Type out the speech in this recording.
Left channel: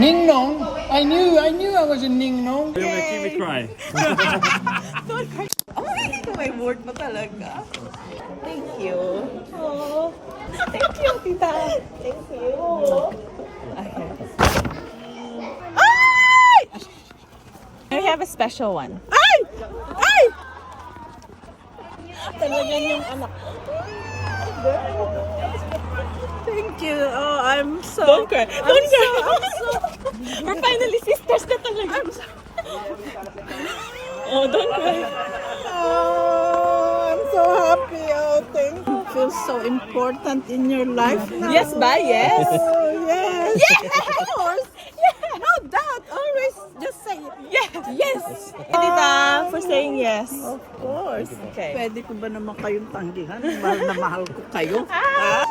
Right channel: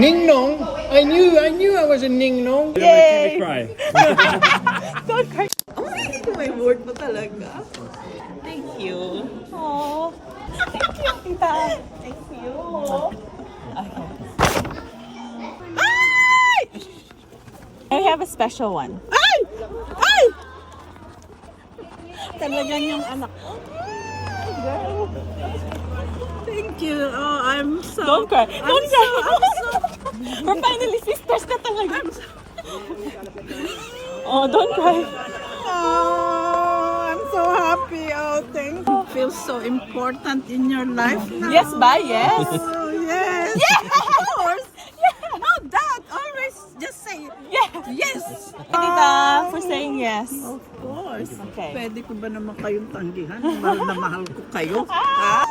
Ning Nong. I knew I was a Ning Nong. You're making me cry. Don't cry. Oh, may word pa talaga. Thank you. Oh, thank you, tita. Thank you. Okay. Ay! I have a special one. Ay! Ay! Talagang yung anak ko. Girl. Thank you. Oh, I'm so... Don't cry. Don't cry. We're finally sisters na talaga. Oh, don't cry. Oh, I'm so happy. Oh, thank you. Feels so important in your life now. Yes, bye, yes. Oh, yes. Yes, of course. No, Dad, always just say Yes. yes. Tita, for saying yes. Of course. Okay. Pwede ko ba naman kayong tanggihan? Mahal na mahal ko kayo. Ha?